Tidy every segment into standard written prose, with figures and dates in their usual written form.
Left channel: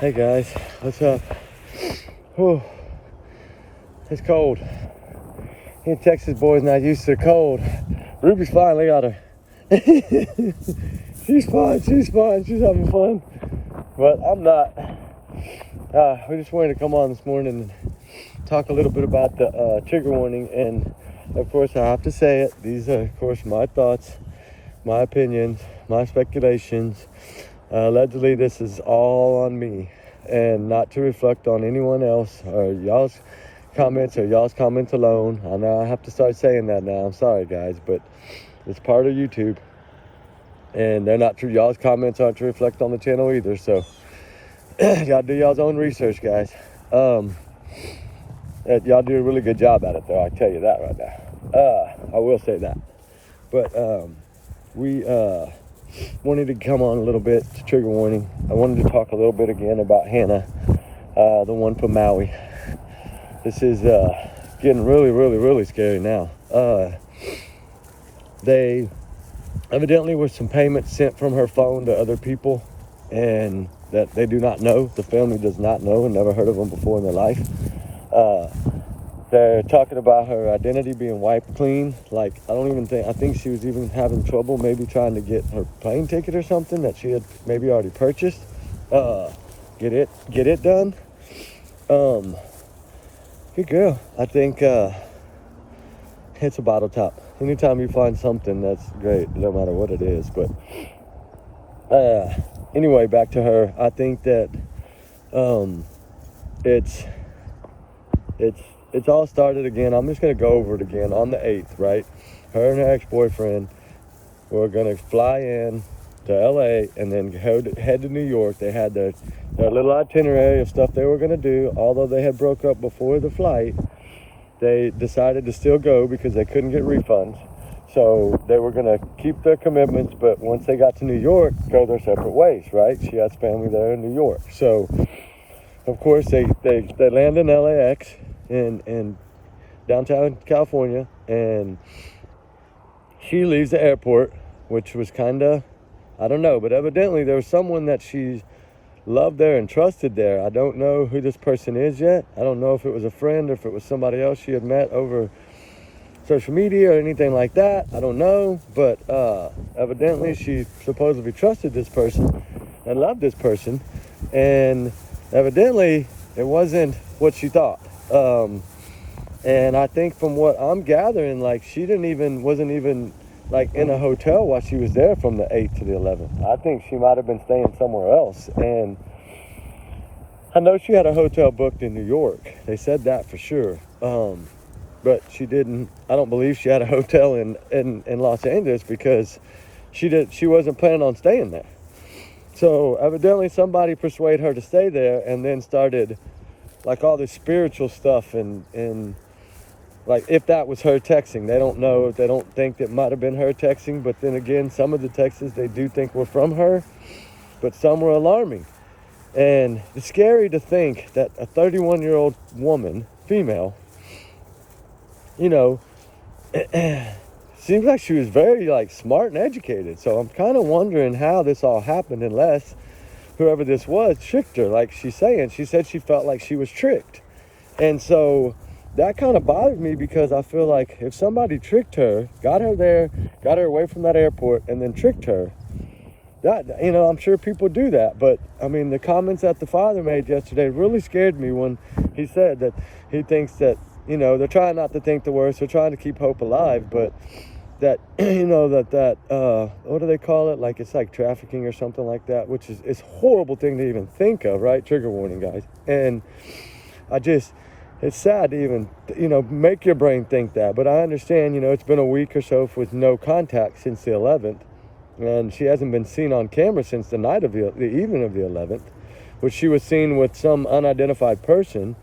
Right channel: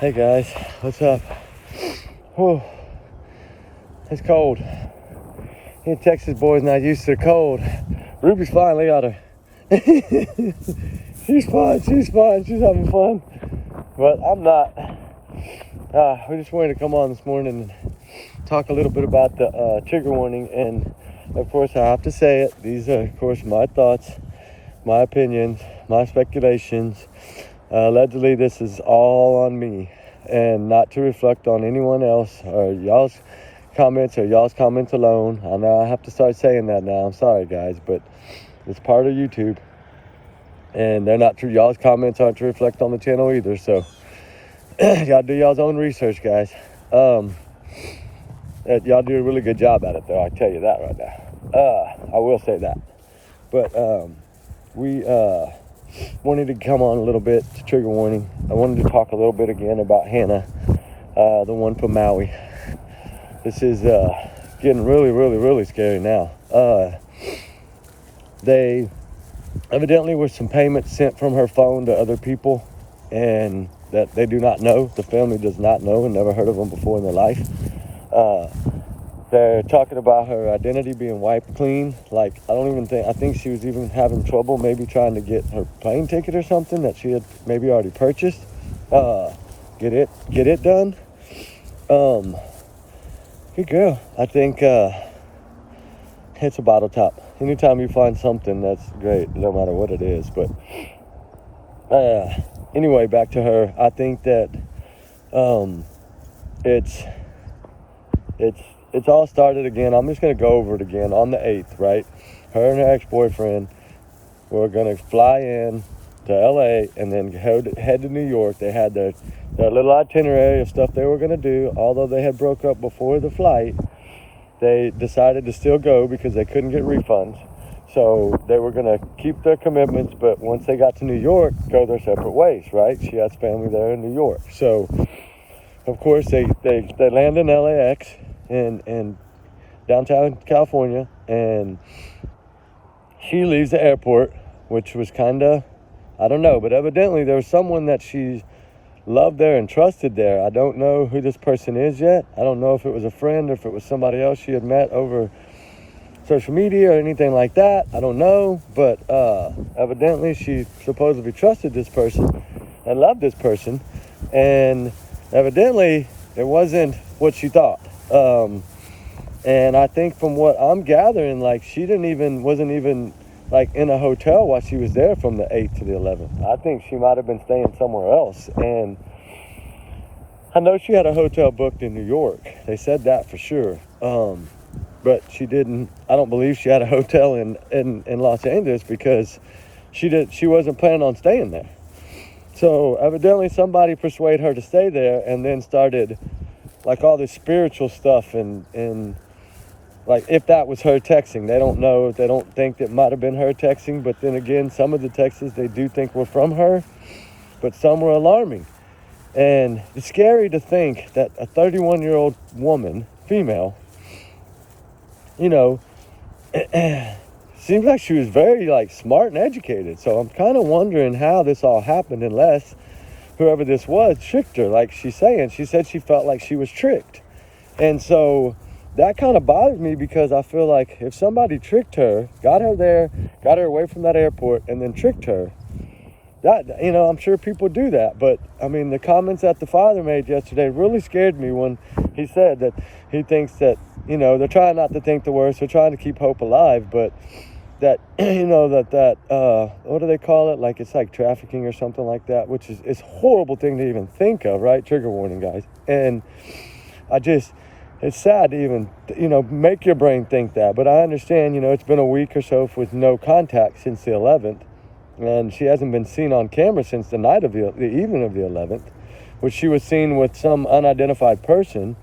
Hey guys, what's up? Whew. It's cold. You Texas boys not used to the cold. Ruby's fine, look at her. She's fine, she's having fun. But I'm not. We just wanted to come on this morning and talk a little bit about the trigger warning. And of course I have to say it. These are of course my thoughts, my opinions, my speculations. Allegedly this is all on me and not to reflect on anyone else or y'all's comments alone. I know I have to start saying that now. I'm sorry guys, but it's part of YouTube and they're not true. Y'all's comments aren't to reflect on the channel either. So y'all do y'all's own research, guys. Y'all do a really good job at it though, I tell you that right now. I will say that. But we wanted to come on a little bit to trigger warning. I wanted to talk a little bit again about Hannah, the one from Maui. This is getting really scary now. They evidently were some payments sent from her phone to other people and that they do not know. The family does not know and never heard of them before in their life. They're talking about her identity being wiped clean. Like, I think she was even having trouble maybe trying to get her plane ticket or something that she had maybe already purchased. Get it done. Good girl. I think it's a bottle top. Anytime you find something, that's great, no matter what it is. But anyway, back to her. I think that it's all started again. I'm just going to go over it again on the 8th, right? Her and her ex-boyfriend were going to fly in to LA and then head to New York. They had their little itinerary of stuff they were going to do. Although they had broke up before the flight, they decided to still go because they couldn't get refunds. So they were going to keep their commitments, but once they got to New York, go their separate ways, right? She has family there in New York. So, of course, they land in LAX in downtown California, and she leaves the airport, which was kind of, I don't know, but evidently there was someone that she loved there and trusted there. I don't know who this person is yet. I don't know if it was a friend or if it was somebody else she had met over social media or anything like that. I don't know, but evidently she supposedly trusted this person and loved this person, and evidently it wasn't what she thought. And I think from what I'm gathering, like she wasn't even like in a hotel while she was there from the 8th to the 11th. I think she might have been staying somewhere else. And I know she had a hotel booked in New York. They said that for sure. But she didn't. I don't believe she had a hotel in Los Angeles because she wasn't planning on staying there. So evidently somebody persuaded her to stay there and then started like all this spiritual stuff and like if that was her texting. They don't know. They don't think that might have been her texting. But then again, some of the texts they do think were from her, but some were alarming. And it's scary to think that a 31-year-old woman, female, you know, seems like she was very like smart and educated. So I'm kind of wondering how this all happened, unless whoever this was tricked her. Like she's saying, she said she felt like she was tricked. And so that kind of bothers me because I feel like if somebody tricked her, got her there, got her away from that airport, and then tricked her, that, you know, I'm sure people do that. But I mean, the comments that the father made yesterday really scared me when he said that he thinks that, you know, they're trying not to think the worst, they're trying to keep hope alive, but that, you know, that what do they call it? Like, it's like trafficking or something like that, which is it's a horrible thing to even think of, right? Trigger warning, guys. And it's sad to even, you know, make your brain think that. But I understand, you know, it's been a week or so with no contact since the 11th. And she hasn't been seen on camera since the night of the evening of the 11th, which she was seen with some unidentified person.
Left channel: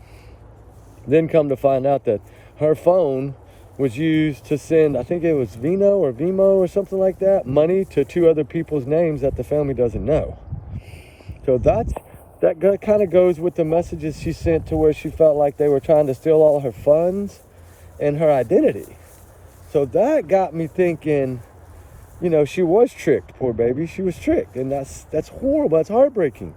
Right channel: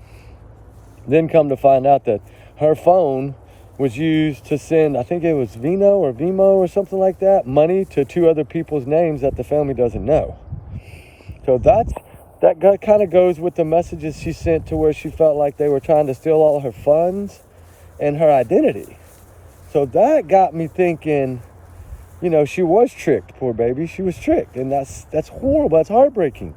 Then come to find out that her phone was used to send, I think it was Vimo or something like that, money to 2 other people's names that the family doesn't know. So that kind of goes with the messages she sent to where she felt like they were trying to steal all her funds and her identity. So that got me thinking, you know, she was tricked, poor baby. She was tricked, and that's horrible. That's heartbreaking.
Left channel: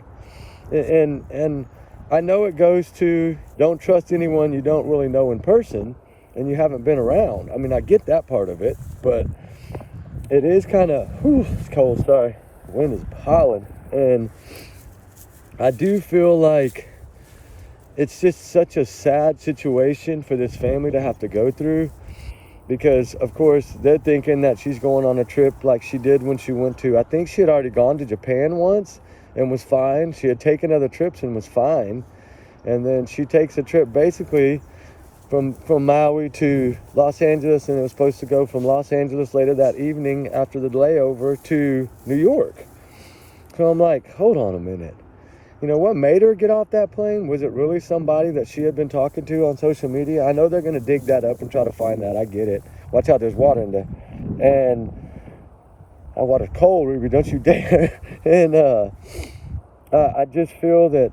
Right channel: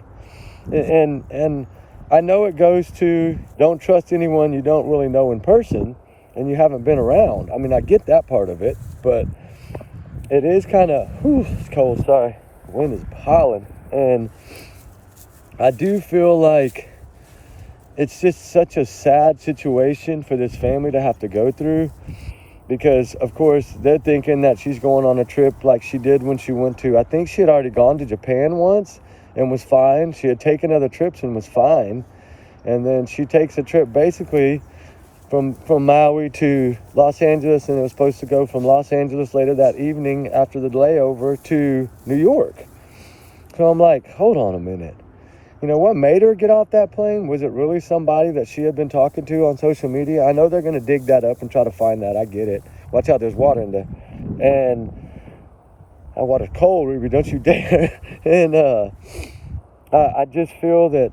And I know it goes to don't trust anyone you don't really know in person and you haven't been around. I mean, I get that part of it, but it is kind of, it's cold, sorry. The wind is piling. And I do feel like it's just such a sad situation for this family to have to go through, because of course they're thinking that she's going on a trip like she did when she went to, I think she had already gone to Japan once and was fine. She had taken other trips and was fine. And then she takes a trip basically from Maui to Los Angeles, and it was supposed to go from Los Angeles later that evening after the layover to New York. So I'm like, hold on a minute. You know, what made her get off that plane? Was it really somebody that she had been talking to on social media? I know they're going to dig that up and try to find that. I get it. Watch out, there's water in there. And that water's cold, Ruby, don't you dare. And I just feel that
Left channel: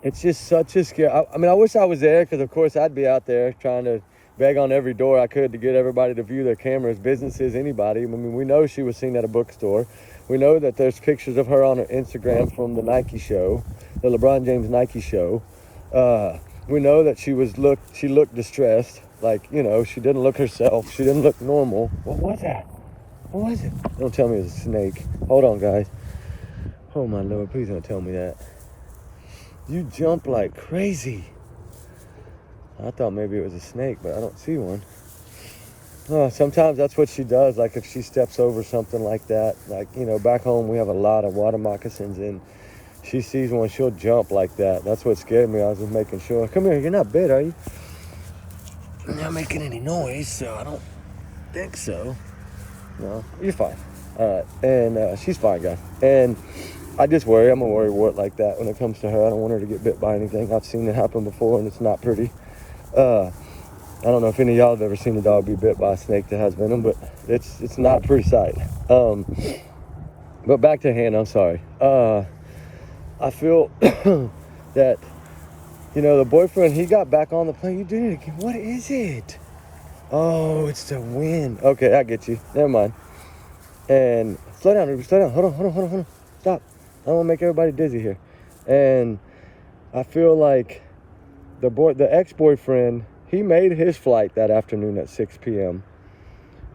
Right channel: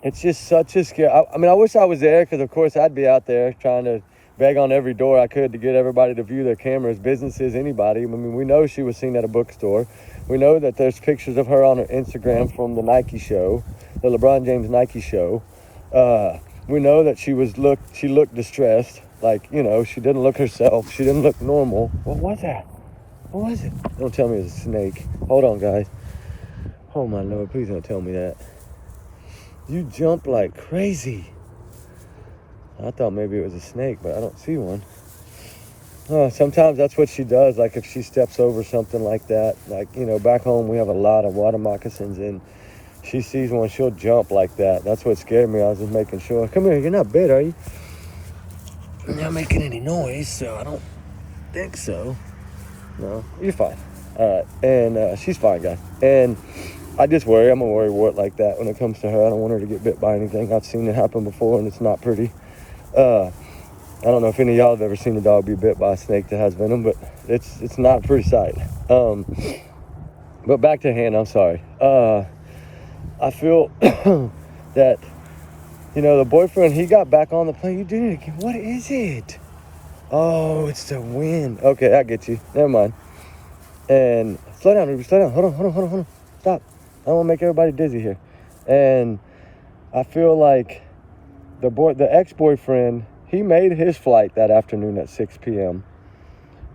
it's just such a scare. I mean, I wish I was there, because of course I'd be out there trying to beg on every door I could to get everybody to view their cameras, businesses, anybody. I mean, we know she was seen at a bookstore. We know that there's pictures of her on her Instagram from the Nike show, the LeBron James Nike show. We know that she looked distressed. Like, you know, she didn't look herself. She didn't look normal. What was that? What was it? Don't tell me it was a snake. Hold on, guys. Oh my Lord, please don't tell me that. You jumped like crazy. I thought maybe it was a snake, but I don't see one. Sometimes that's what she does. Like if she steps over something like that, like, you know, back home we have a lot of water moccasins, and she sees one, she'll jump like that. That's what scared me. I was just making sure. Come here, you're not bit, are you? You're not making any noise, so I don't think so. No, you're fine. And she's fine, guys. And I just worry. I'm a worrywart like that when it comes to her. I don't want her to get bit by anything. I've seen it happen before, and it's not pretty. I don't know if any of y'all have ever seen a dog be bit by a snake that has venom, but it's not a pretty sight. But back to Hannah, I'm sorry. I feel that, you know, the boyfriend, he got back on the plane. You did it again. What is it? Oh, it's the wind. Okay, I get you. Never mind. And slow down, Ruby. Slow down. Hold on. Stop. I don't want to make everybody dizzy here. And I feel like the ex-boyfriend, he made his flight that afternoon at 6 p.m.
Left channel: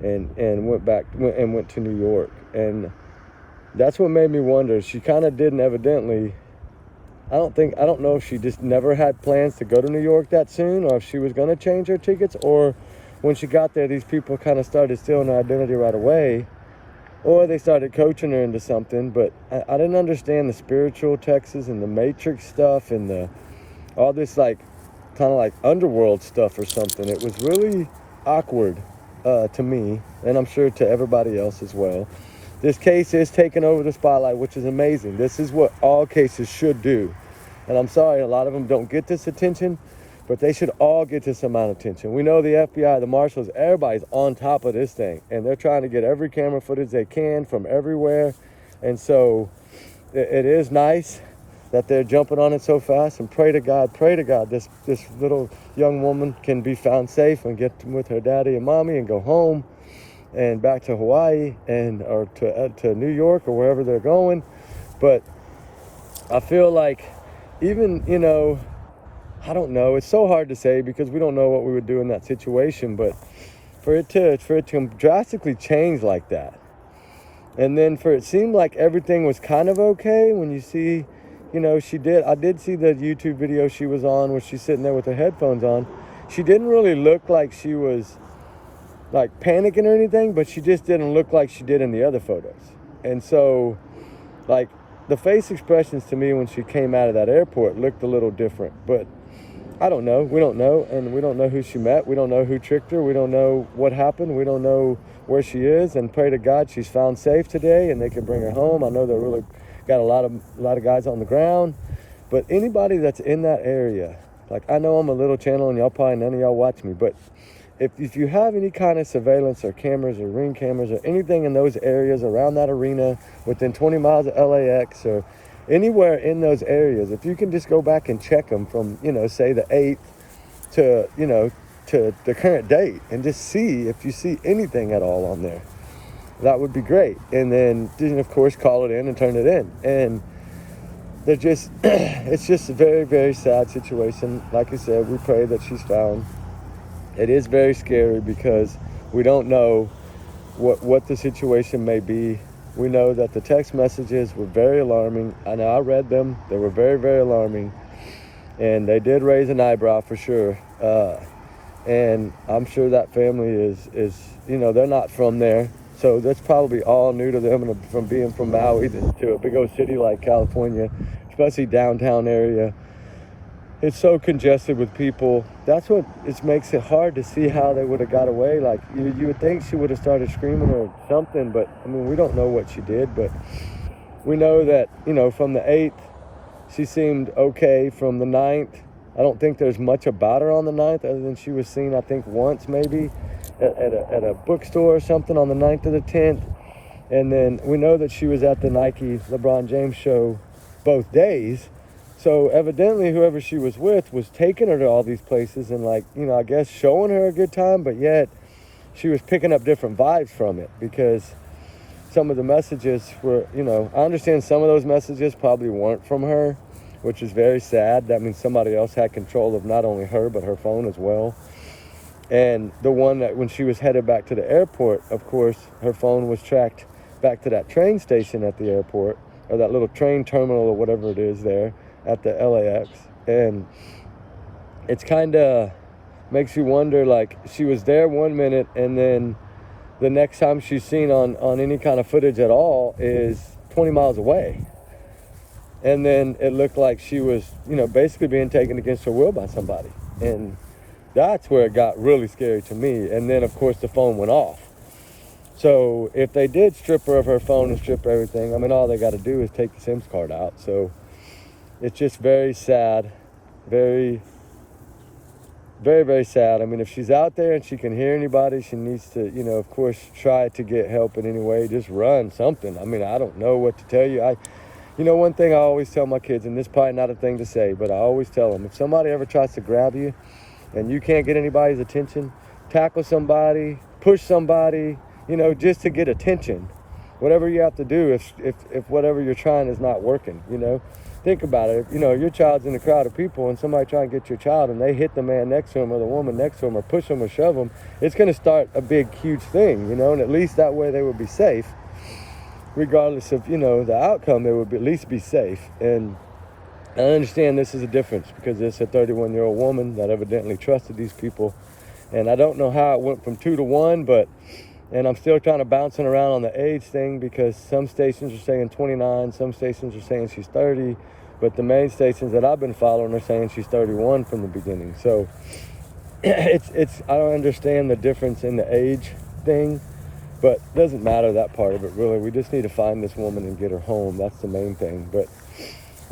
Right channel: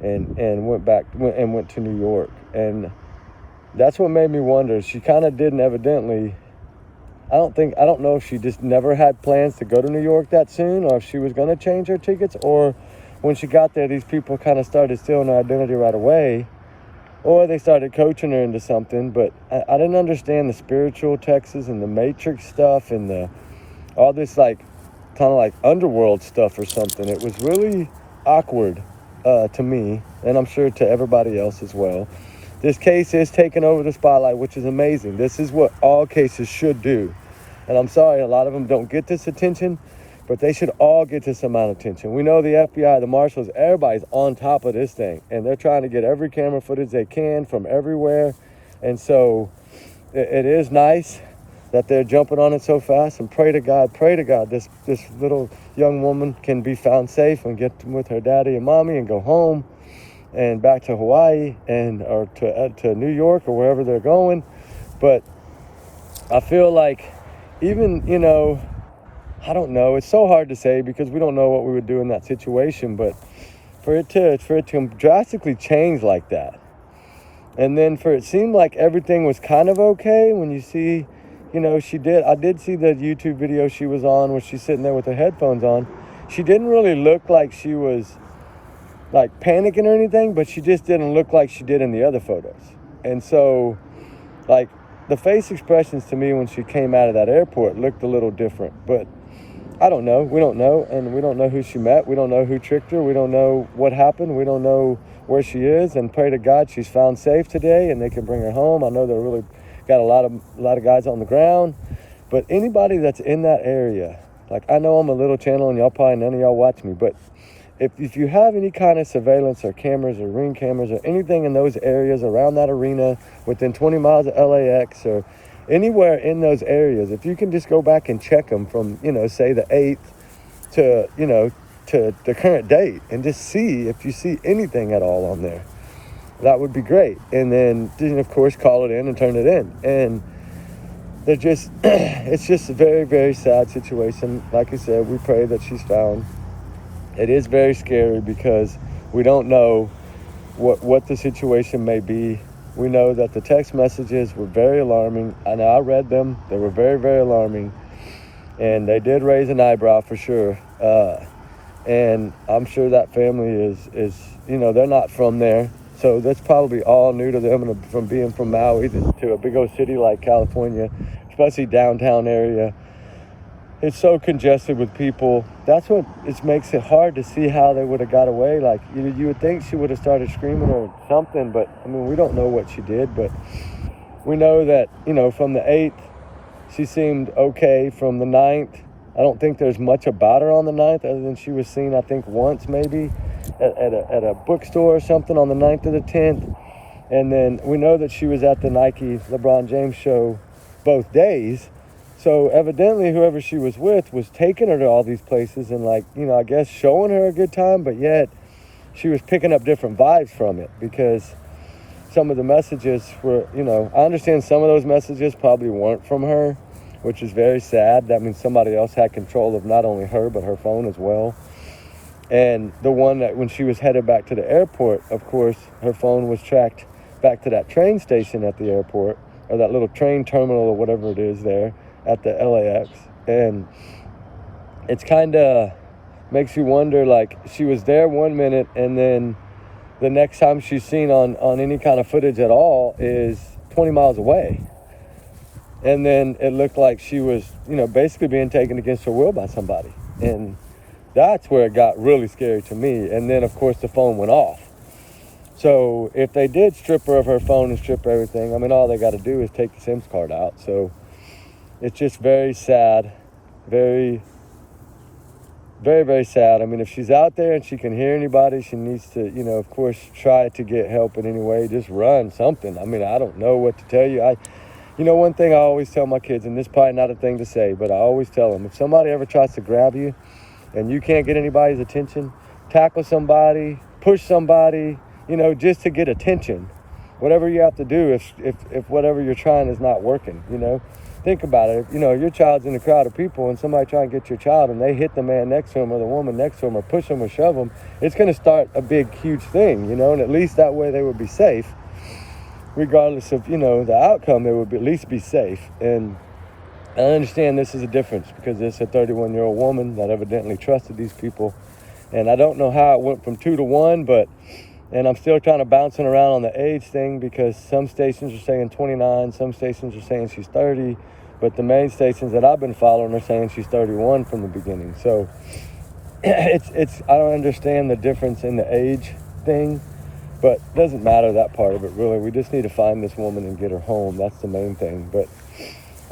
and went to New York. And that's what made me wonder. She kind of didn't evidently. I don't know if she just never had plans to go to New York that soon, or if she was going to change her tickets, or when she got there, these people kind of started stealing her identity right away, or they started coaching her into something. But I didn't understand the spiritual texts and the Matrix stuff and all this like kind of like underworld stuff or something. It was really awkward to me, and I'm sure to everybody else as well. This case is taking over the spotlight, which is amazing. This is what all cases should do. And I'm sorry, a lot of them don't get this attention, but they should all get this amount of attention. We know the FBI, the marshals, everybody's on top of this thing, and they're trying to get every camera footage they can from everywhere. And so it is nice that they're jumping on it so fast, and pray to God this little young woman can be found safe and get with her daddy and mommy and go home and back to Hawaii or to New York or wherever they're going. But I feel like even, you know, I don't know, it's so hard to say because we don't know what we would do in that situation, but for it to drastically change like that, and then for it seemed like everything was kind of okay when you see, you know, I did see the YouTube video she was on where she's sitting there with her headphones on. She didn't really look like she was like panicking or anything, but she just didn't look like she did in the other photos. And so, like, the face expressions to me when she came out of that airport looked a little different. But I don't know. We don't know. And we don't know who she met. We don't know who tricked her. We don't know what happened. We don't know where she is. And pray to God she's found safe today and they can bring her home. I know they're really got a lot of guys on the ground. But anybody that's in that area, like, I know I'm a little channel and y'all probably, none of y'all watch me, but if you have any kind of surveillance or cameras or ring cameras or anything in those areas around that arena within 20 miles of LAX or anywhere in those areas, if you can just go back and check them from, you know, say the 8th to, you know, to the current date and just see if you see anything at all on there, that would be great. And then of course, call it in and turn it in. And they're just, it's just a very, very sad situation. Like I said, we pray that she's found. It is very scary because we don't know what the situation may be. We know that the text messages were very alarming. I know I read them. They were very, very alarming. And they did raise an eyebrow for sure. And I'm sure that family is they're not from there. So that's probably all new to them, and from being from Maui to a big old city like California, especially downtown area. It's so congested with people. That's what makes it hard to see how they would have got away. Like, you would think she would have started screaming or something, but I mean, we don't know what she did, but we know that, from the 8th, she seemed okay. From the 9th, I don't think there's much about her on the 9th, other than she was seen, I think, once maybe at a bookstore or something on the 9th or the 10th. And then we know that she was at the Nike LeBron James show both days. So evidently whoever she was with was taking her to all these places and, like, I guess showing her a good time, but yet she was picking up different vibes from it, because some of the messages were, I understand some of those messages probably weren't from her, which is very sad. That means somebody else had control of not only her, but her phone as well. And the one that when she was headed back to the airport, of course, her phone was tracked back to that train station at the airport, or that little train terminal or whatever it is there at the LAX. And it's kind of makes you wonder, like, she was there one minute, and then the next time she's seen on any kind of footage at all is 20 miles away. And then it looked like she was, basically being taken against her will by somebody. And that's where it got really scary to me. And then, of course, the phone went off. So if they did strip her of her phone and strip everything, I mean, all they got to do is take the SIM card out. So it's just very sad, very, very, very sad. I mean, if she's out there and she can hear anybody, she needs to, of course, try to get help in any way. Just run something. I mean, I don't know what to tell you. One thing I always tell my kids, and this is probably not a thing to say, but I always tell them, if somebody ever tries to grab you and you can't get anybody's attention, tackle somebody, push somebody, just to get attention. Whatever you have to do if whatever you're trying is not working, Think about it. Your child's in a crowd of people and somebody try and get your child and they hit the man next to him or the woman next to him or push them or shove them, it's going to start a big, huge thing, and at least that way they would be safe. Regardless of, the outcome, they would at least be safe. And I understand this is a difference because it's a 31-year-old woman that evidently trusted these people. And I don't know how it went from 2 to 1, and I'm still kind of bouncing around on the age thing because some stations are saying 29, some stations are saying she's 30, but the main stations that I've been following are saying she's 31 from the beginning. So I don't understand the difference in the age thing. But it doesn't matter, that part of it, really. We just need to find this woman and get her home. That's the main thing. But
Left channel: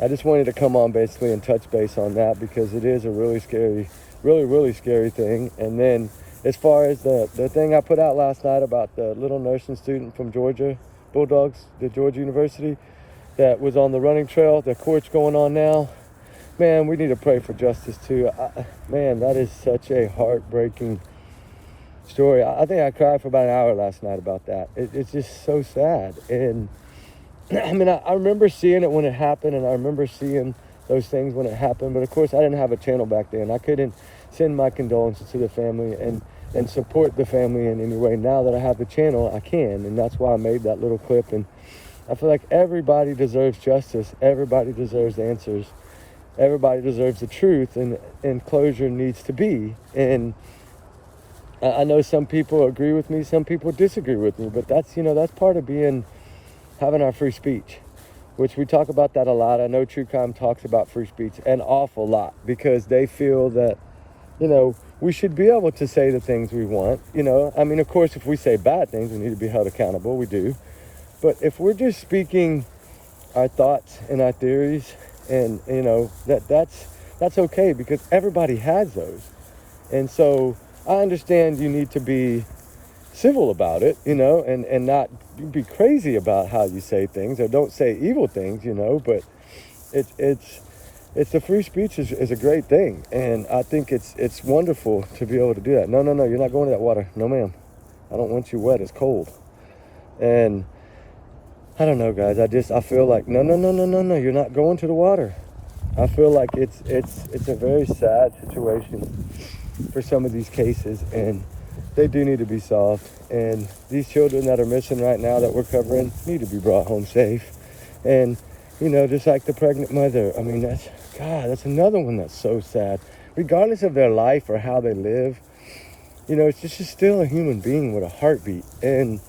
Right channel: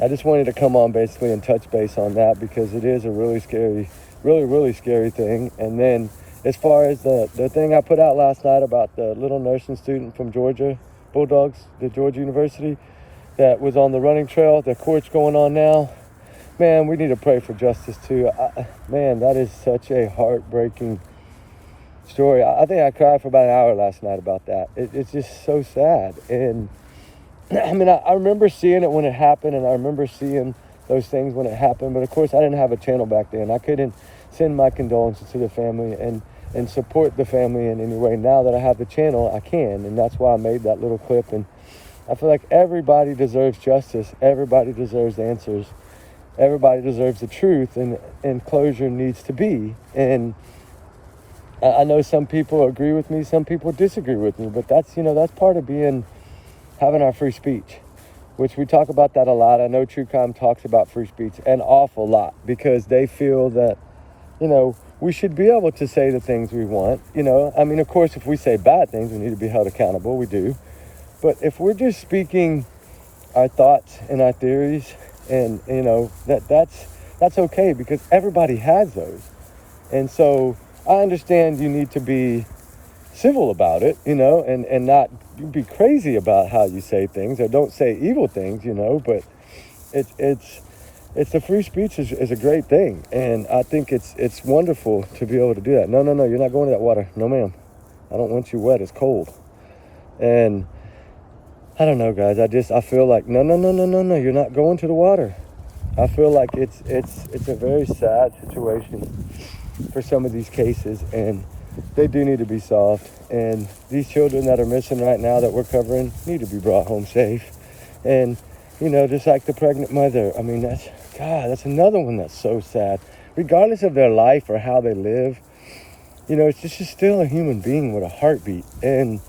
I just wanted to come on basically and touch base on that because it is a really scary, really, really scary thing. And then as far as the thing I put out last night about the little nursing student from Georgia, Bulldogs, the Georgia University, that was on the running trail, the court's going on now. Man, we need to pray for justice too. Man, that is such a heartbreaking story. I think I cried for about an hour last night about that. It's just so sad. And I mean, I remember seeing it when it happened, and I remember seeing those things when it happened, but of course I didn't have a channel back then. I couldn't send my condolences to the family and support the family in any way. Now that I have the channel, I can, and that's why I made that little clip. And I feel like everybody deserves justice. Everybody deserves answers. Everybody deserves the truth, and closure needs to be. And I know some people agree with me, some people disagree with me, but that's part of having our free speech, which we talk about that a lot. I know True Crime talks about free speech an awful lot because they feel that, we should be able to say the things we want. I mean, of course, if we say bad things, we need to be held accountable. We do. But if we're just speaking our thoughts and our theories, and, that's okay because everybody has those. And so I understand you need to be civil about it, and not be crazy about how you say things, or don't say evil things, but it's the free speech is a great thing. And I think it's wonderful to be able to do that. No, you're not going to that water. No, ma'am. I don't want you wet. It's cold. And I don't know, guys. I feel like, no, you're not going to the water. I feel like it's a very sad situation for some of these cases, and they do need to be solved. And these children that are missing right now that we're covering need to be brought home safe. And, you know, just like the pregnant mother, I mean, that's another one that's so sad. Regardless of their life or how they live, you know, she's still a human being with a heartbeat. And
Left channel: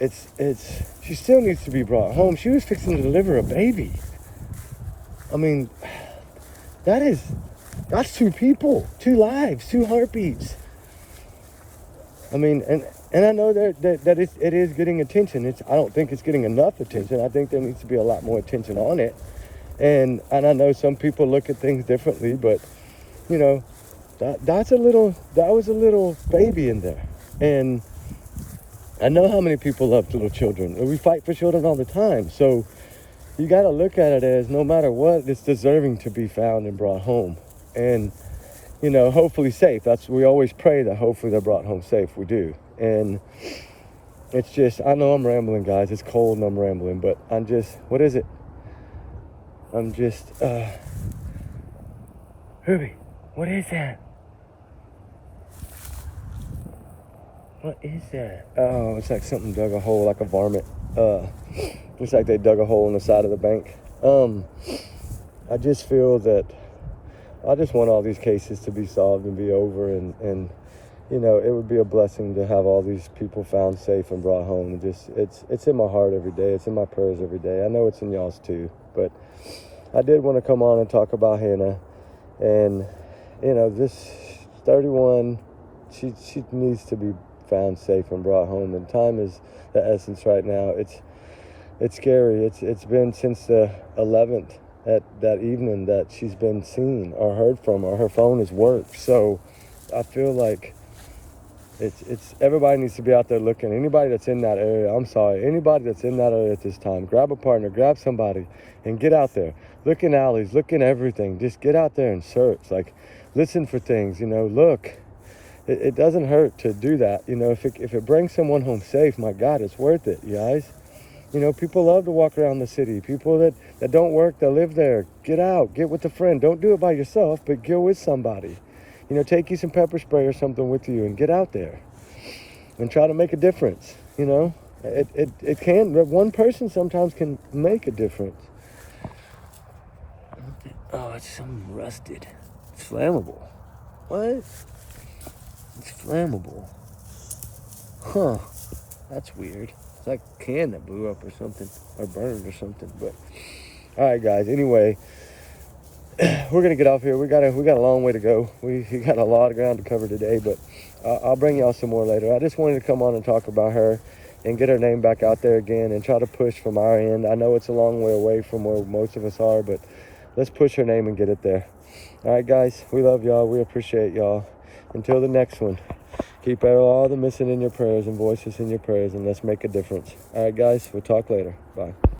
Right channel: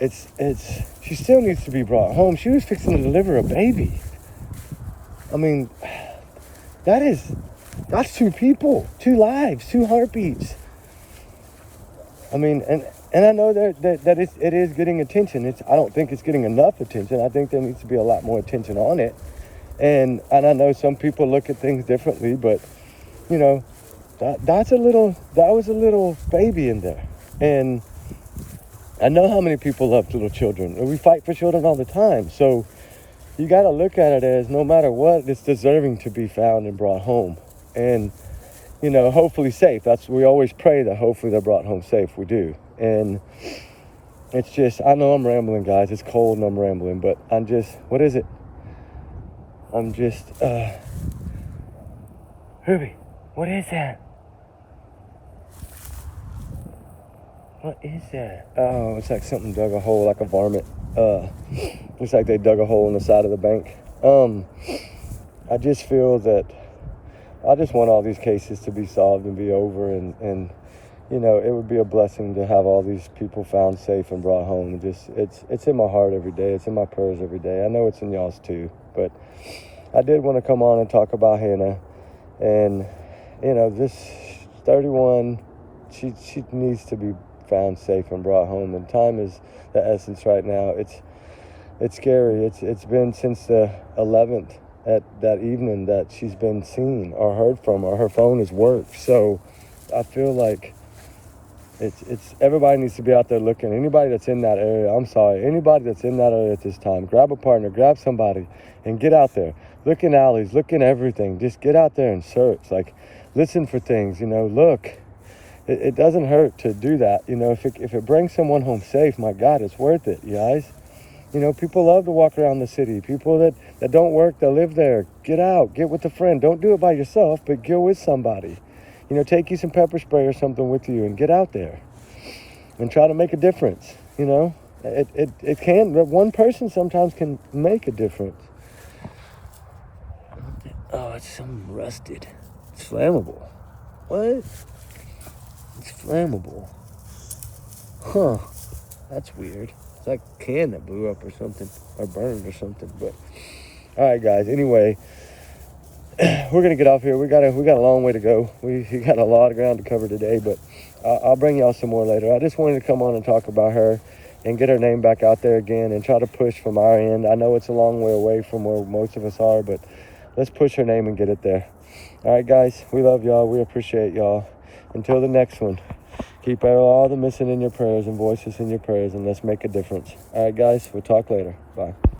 she still needs to be brought home. She was fixing to deliver a baby. I mean, that's two people, two lives, two heartbeats. I mean, and I know that it is getting attention. I don't think it's getting enough attention. I think there needs to be a lot more attention on it. And I know some people look at things differently, but you know, that was a little baby in there. And I know how many people love little children, and we fight for children all the time. So you got to look at it as no matter what, it's deserving to be found and brought home. And, you know, hopefully safe. We always pray that hopefully they're brought home safe. We do. And it's just, I know I'm rambling, guys. It's cold and I'm rambling, but what is it? Ruby, what is that? What is that? Oh, it's like something dug a hole, like a varmint. Looks like they dug a hole in the side of the bank. I just feel that I just want all these cases to be solved and be over, and you know, it would be a blessing to have all these people found safe and brought home. It's in my heart every day. It's in my prayers every day. I know it's in y'all's too, but I did want to come on and talk about Hannah. And you know, this 31, she needs to be found safe and brought home, and time is the essence right now. It's scary. It's been since the 11th at that evening that she's been seen or heard from, or her phone has worked. So I feel like it's everybody needs to be out there looking. Anybody that's in that area, anybody that's in that area at this time, grab a partner, grab somebody, and get out there. Look in alleys, look in everything. Just get out there and search. Like, listen for things, you know, look. It doesn't hurt to do that. You know, if it brings someone home safe, my God, it's worth it, you guys. You know, people love to walk around the city. People that don't work, that live there, get out, get with a friend. Don't do it by yourself, but go with somebody. You know, take you some pepper spray or something with you and get out there and try to make a difference. You know, it can, one person sometimes can make a difference. Oh, it's something rusted. It's flammable. What? It's flammable. Huh. That's weird. It's like a can that blew up or something, or burned or something. But all right, guys. Anyway, we're gonna get off here. We got a long way to go. We got a lot of ground to cover today, but I'll bring y'all some more later. I just wanted to come on and talk about her and get her name back out there again and try to push from our end. I know it's a long way away from where most of us are, but let's push her name and get it there. All right, guys. We love y'all. We appreciate y'all. Until the next one, keep all the missing in your prayers and voices in your prayers, and let's make a difference. All right, guys, we'll talk later. Bye.